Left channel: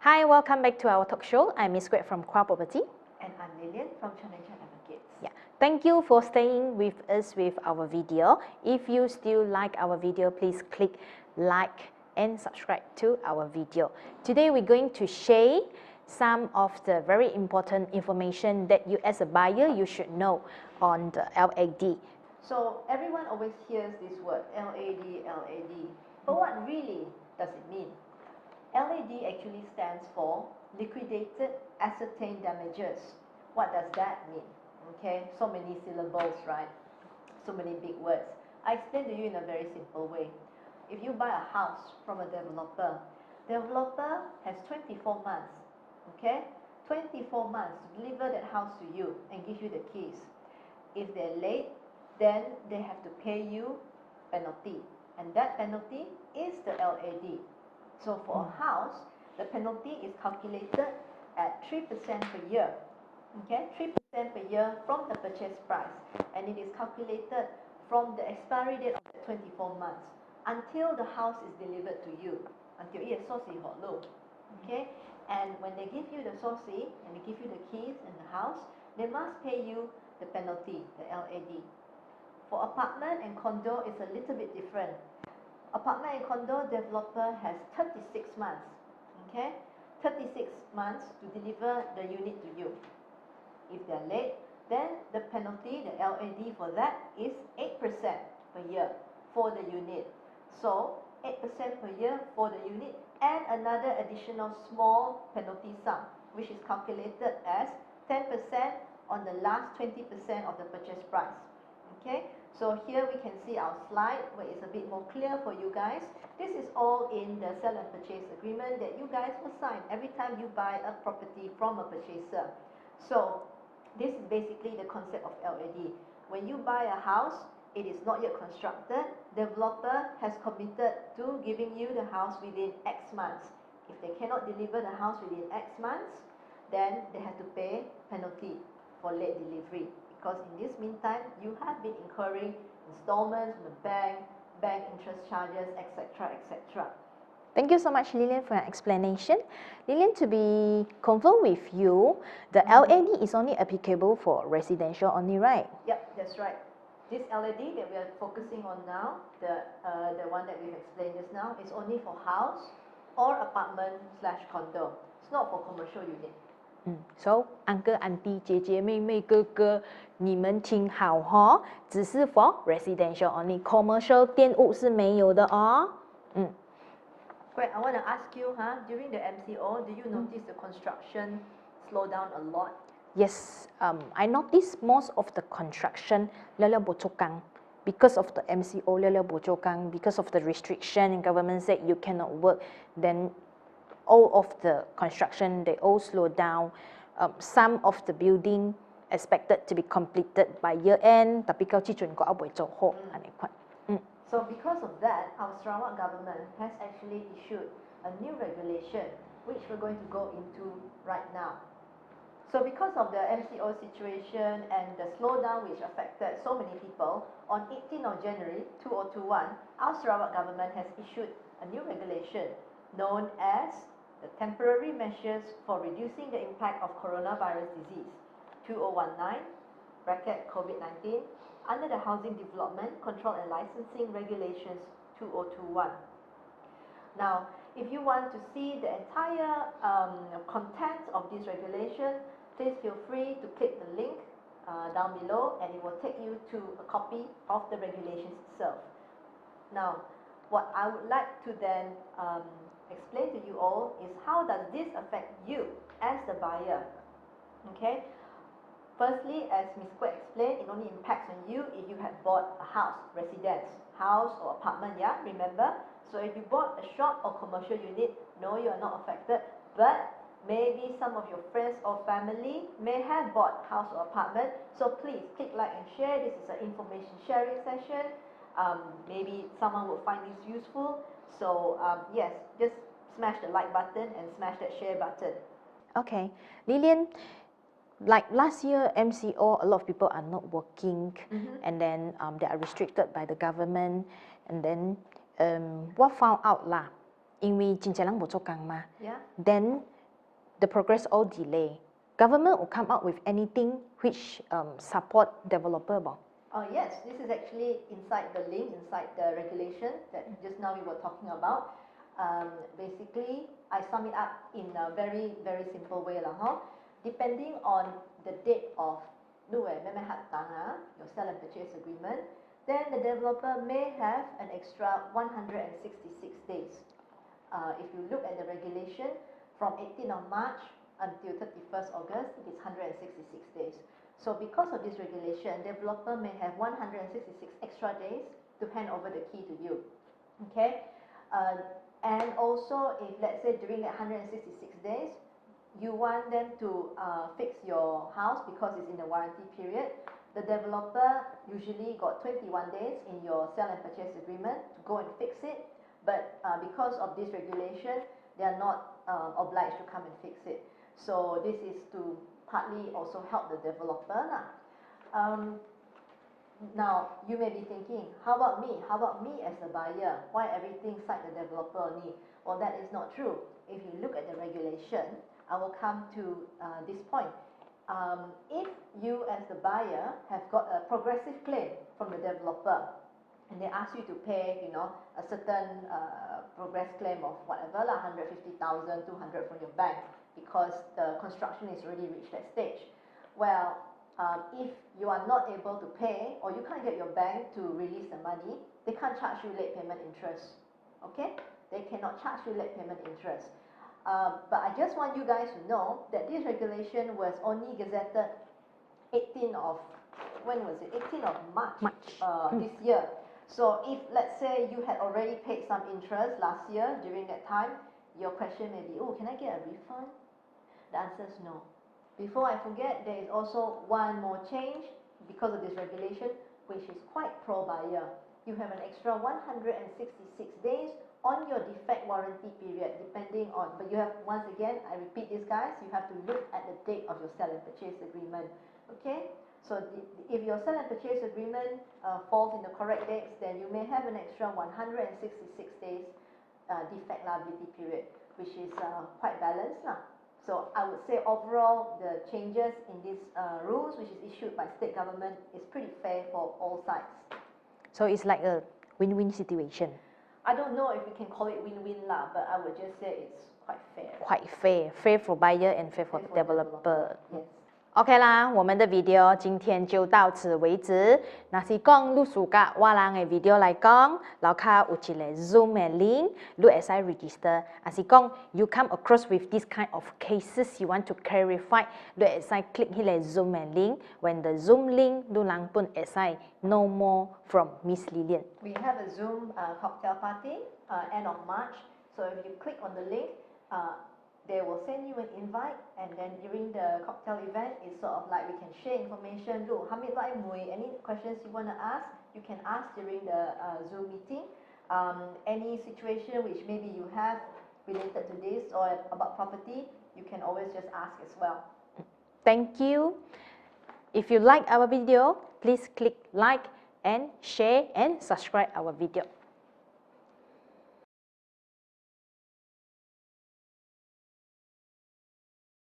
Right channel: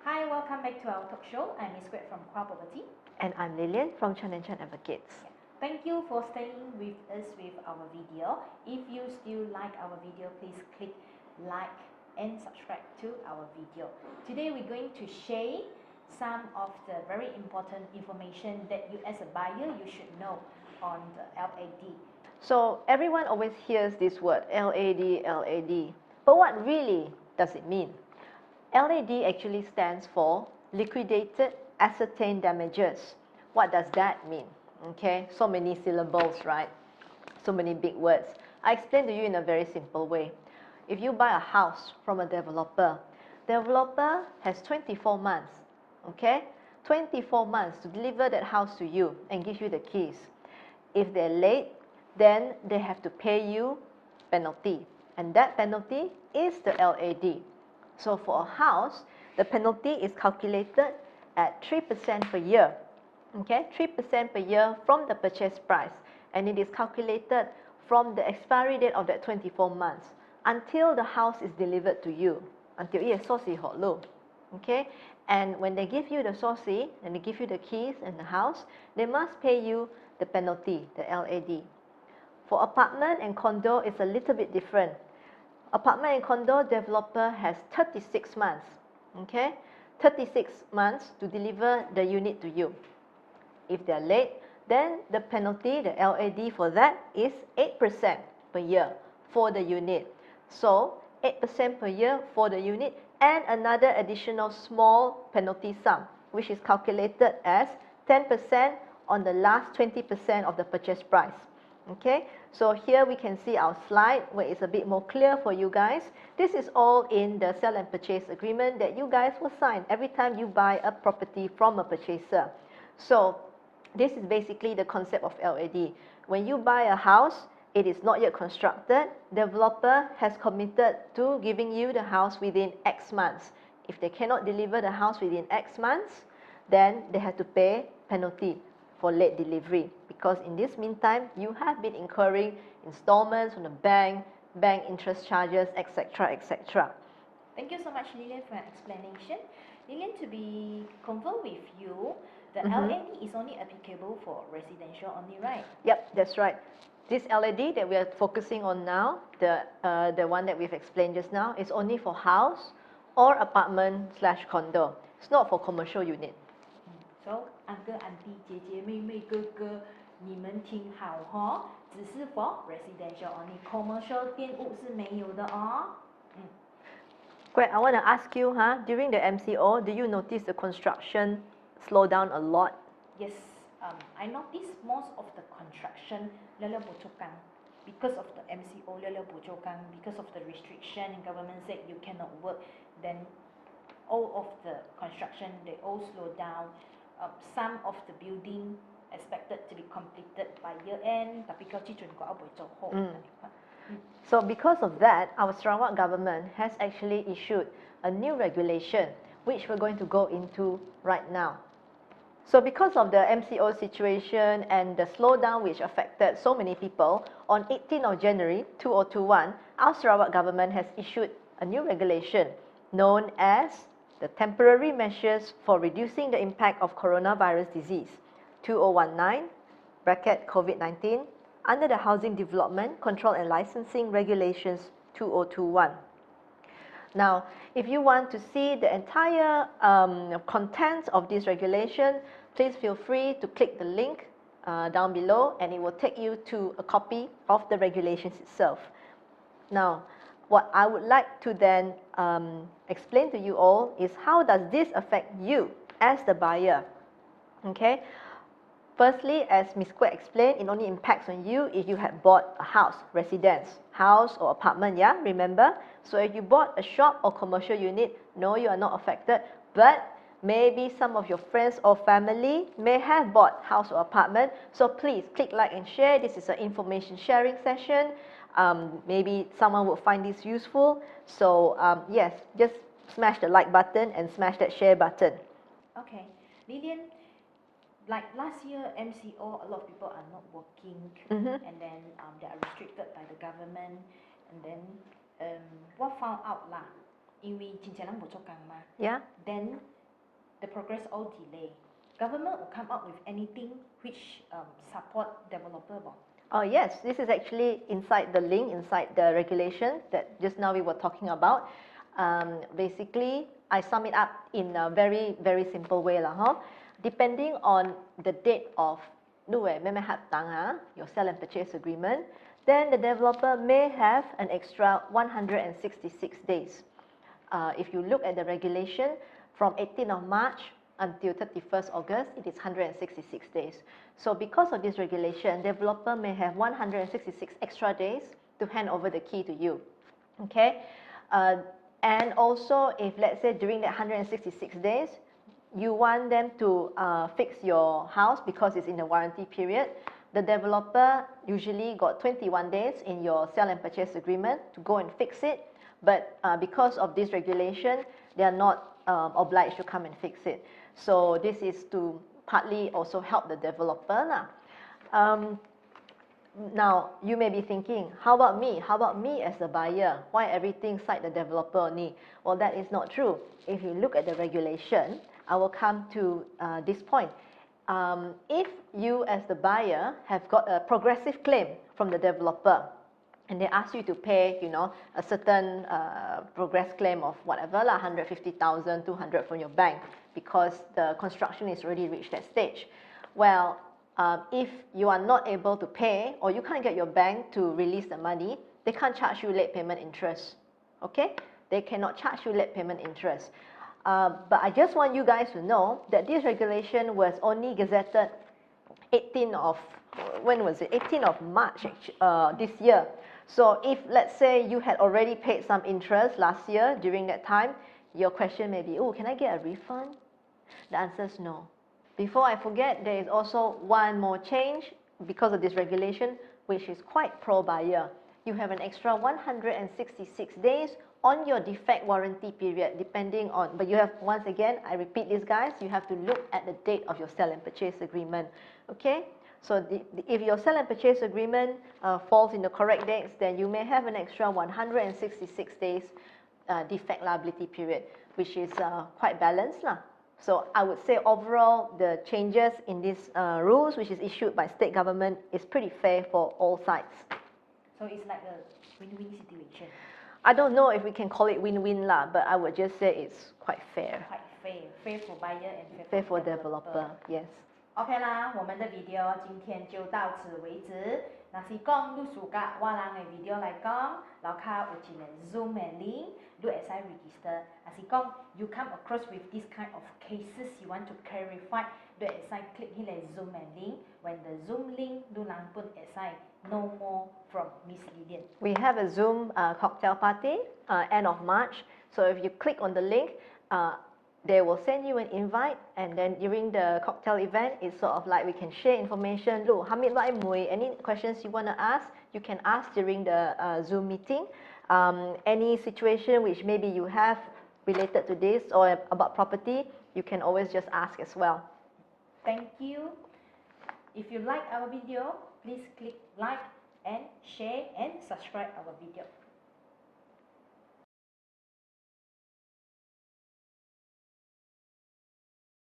Hi, welcome back to our talk show. I'm Miss Greg from Kwa Property. And I'm Lilian from Chan & Chan Advocates. Yeah. Thank you for staying with us with our video. If you still like our video, please click like and subscribe to our video. Today we're going to share some of the very important information that you as a buyer you should know on the LAD. So everyone always hears this word, LAD, LAD. But what really does it mean? LAD actually stands for Liquidated Ascertained Damages. What does that mean? Okay, so many syllables, right? So many big words. I explain to you in a very simple way. If you buy a house from a developer has 24 months, okay? 24 months to deliver that house to you and give you the keys. If they're late, then they have to pay you penalty. And that penalty is the LAD. So for a house, the penalty is calculated at 3% per year. Okay, 3% per year from the purchase price. And it is calculated from the expiry date of that 24 months until the house is delivered to you. Until it is sourcey hot low. Okay, and when they give you the sourcey and they give you the keys and the house, they must pay you the penalty, the LAD. For apartment and condo, it's a little bit different. Apartment and condo developer has 36 months, okay? 36 months to deliver the unit to you. If they're late, then the penalty, the LAD for that is 8% per year for the unit. So 8% per year for the unit and another additional small penalty sum, which is calculated as 10% on the last 20% of the purchase price. Okay, so here we can see our slide where it's a bit more clear for you guys. This is all in the sell and purchase agreement that you guys will sign every time you buy a property from a purchaser. So this is basically the concept of LAD. When you buy a house, it is not yet constructed. Developer has committed to giving you the house within X months. If they cannot deliver the house within X months, then they have to pay penalty for late delivery, because in this meantime you have been incurring installments from the bank interest charges, etc., etc. Thank you so much, Lilian, for your explanation. Lilian, to be confirmed with you, the LAD is only applicable for residential only, right? Yep, that's right. This LAD that we are focusing on now, the one that we've explained just now, is only for house or apartment/condo. It's not for commercial unit. So, uncle, auntie, 姐姐、妹妹、哥哥，你们听好哈，只是 for residential only， commercial 店屋是没有的哦。Greg, I want to ask you, during the MCO, do you notice the construction slow down a lot? Yes, I noticed most of the construction lala bocokang because of the MCO lala bocokang, because of the restriction and government said you cannot work, then all of the construction, they all slow down. Some of the building expected to be completed by year end, tapi kau cicun kau abai做好。So because of that, our Sarawak government has actually issued a new regulation, which we're going to go into right now. So because of the MCO situation and the slowdown which affected so many people, on 18th of January 2021, our Sarawak government has issued a new regulation known as the Temporary Measures for Reducing the Impact of Coronavirus Disease, 2019, COVID-19, under the Housing Development, Control and Licensing Regulations 2021. Now, if you want to see the entire contents of this regulation, please feel free to click the link down below and it will take you to a copy of the regulations itself. Now, what I would like to then explain to you all is how does this affect you as the buyer? Okay. Firstly, as Ms. Kwek explained, it only impacts on you if you have bought a house, residence, house or apartment, yeah, remember? So if you bought a shop or commercial unit, no, you are not affected, but maybe some of your friends or family may have bought house or apartment, so please click like and share. This is an information sharing session. Maybe someone will find this useful. So yes, just smash the like button and smash that share button. Okay, Lilian, like last year MCO, a lot of people are not working, and then they are restricted by the government, and then what found out lah, 因为真济人无做工嘛 Yeah. then the progress all delay. Government will come up with anything which support developer บ่ Oh yes, this is actually inside the link, inside the regulation that just now we were talking about. Basically, I sum it up in a very, very simple way lah, huh? Depending on the date of your sell and purchase agreement, then the developer may have an extra 166 days. If you look at the regulation, from 18th of March until 31st August, it is 166 days. So because of this regulation, developer may have 166 extra days to hand over the key to you. Okay? And also, if let's say during that 166 days, you want them to fix your house because it's in the warranty period, the developer usually got 21 days in your sell and purchase agreement to go and fix it. But because of this regulation, they are not obliged to come and fix it. So this is to partly also help the developer. Now, you may be thinking, how about me? How about me as the buyer? Why everything cite the developer only? Well, that is not true. If you look at the regulation, I will come to this point. If you as the buyer have got a progressive claim from the developer, and they ask you to pay, you know, a certain progress claim of whatever, 150,000, 200 from your bank, because the construction is already reached that stage. Well, if you are not able to pay, or you can't get your bank to release the money, they can't charge you late payment interest. Okay? They cannot charge you late payment interest. But I just want you guys to know that this regulation was only gazetted 18th of, when was it? 18th of March. This year. So if, let's say, you had already paid some interest last year during that time, your question may be, oh, can I get a refund? The answer is no. Before I forget, there is also one more change because of this regulation, which is quite pro-buyer. You have an extra 166 days on your defect warranty period, depending on, but you have, once again, I repeat this, guys, you have to look at the date of your sell and purchase agreement. Okay? So if your sell and purchase agreement falls in the correct dates, then you may have an extra 166 days defect liability period, which is quite balanced lah. So I would say overall the changes in these rules, which is issued by state government, is pretty fair for all sides. So it's like a win-win situation. I don't know if we can call it win-win lah, but I would just say it's quite fair. Quite fair. Fair for buyer and fair for developer. Yes. OK 啦，我们的 video 今天就到此为止。若是讲你喜欢我人的 video 来讲，楼下有一个 Zoom 的 link， 你会使 register。若是讲 you come across with this kind of cases you want to clarify， 你会使 click 迄个 Zoom 的 link。When the Zoom link， 你人本会使 know more from Miss Lilian。 We have a Zoom cocktail party end of March. So if you click on the link, they will send you an invite, and then during the cocktail event, it's sort of like we can share information. Look, any questions you want to ask, you can ask during the Zoom meeting. Any situation which maybe you have related to this or about property, you can always just ask as well. Thank you. If you like our video, please click like and share and subscribe our video.